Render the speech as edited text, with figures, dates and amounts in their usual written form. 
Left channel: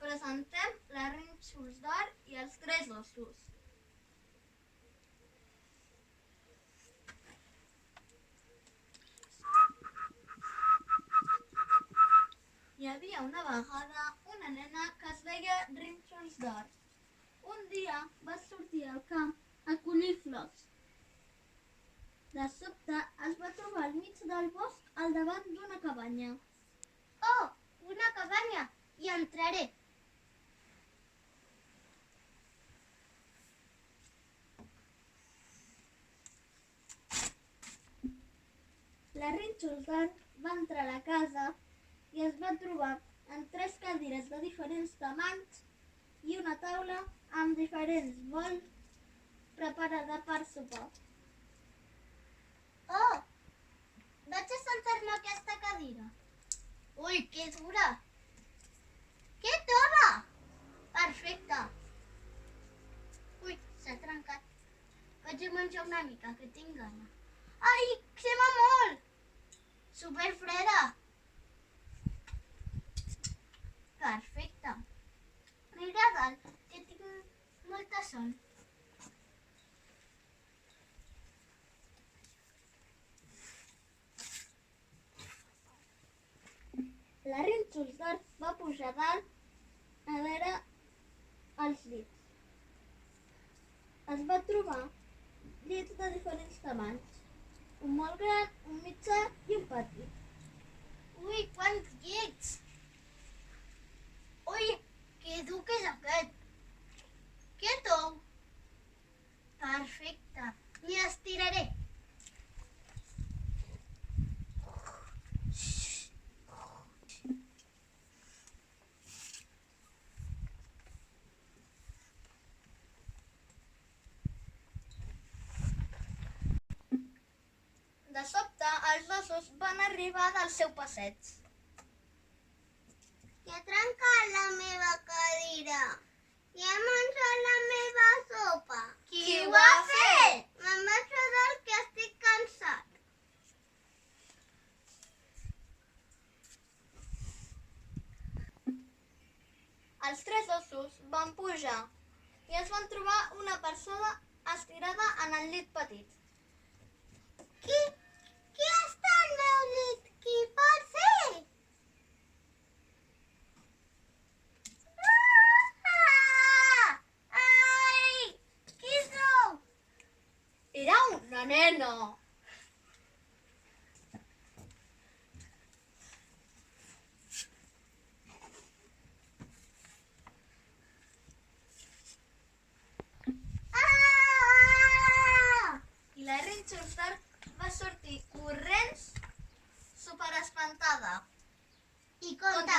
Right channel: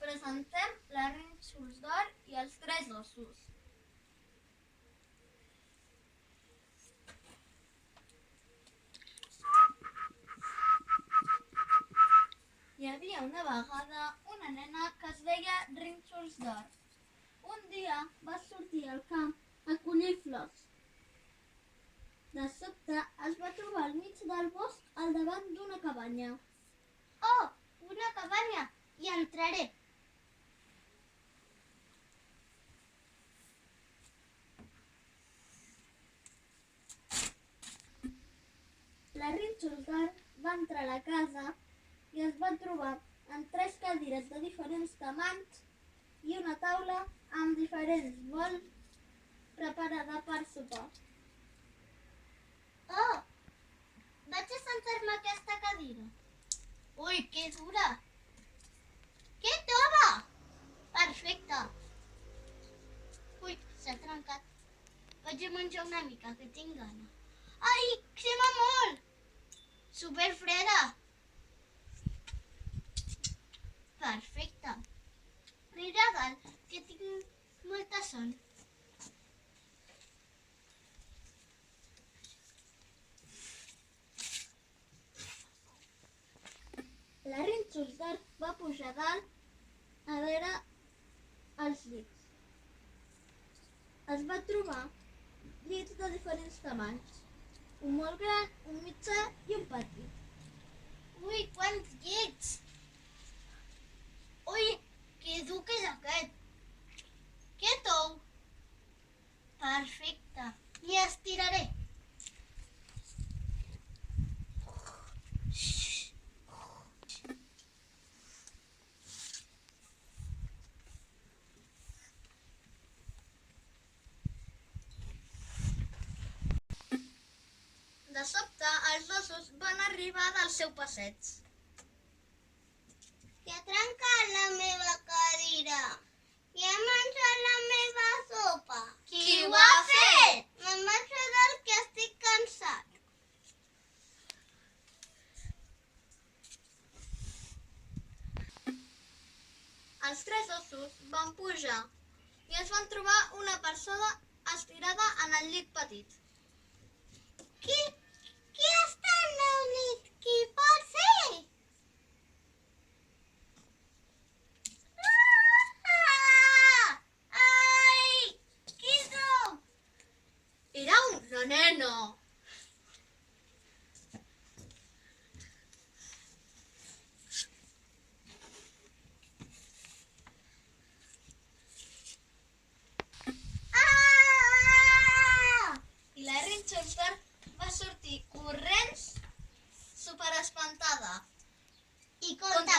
presentem la Rínxols d'Or i els Tres Ossos. Hi havia una vegada una nena que es deia Rínxols d'Or. Un dia va sortir al camp a collir flors. De sobte es va trobar al mig del bosc al davant d'una cabanya. Oh, una cabanya! Hi entraré. La Rínxols d'Or va entrar a la casa i es va trobar amb 3 cadires de diferents tamanys i una taula amb diferents bols preparada per sopar. Oh, vaig a sentar-me a aquesta cadira. Ui, que dura! Que tova! Perfecte. Ui, s'ha trencat. Vaig a menjar una mica, que tinc gana. Ai, crema molt! Superfreda! Perfecte. Mira a dalt, que tinc molta son. La Rínxols d'Or va pujar dalt a veure els llits. Es va trobar llits de diferents tamanys. Un molt gran, un mitjà i un petit. Ui, quants llits! Ui, que dur que és aquest! Que tou! Perfecte. M'hi estiraré. De sobte, els ossos van arribar del seu passeig. Que ha trencat la meva cadira. I ha menjat la meva sopa. Qui ho ha fet? Me'n vaig a dalt que estic cansat. Els 3 ossos van pujar i es van trobar una persona estirada en el llit petit. Qui està al meu llit? Qui pot ser? Ai! Qui sou? Era una nena. I la Rínxols d'Or va sortir corrents superespantada. I conta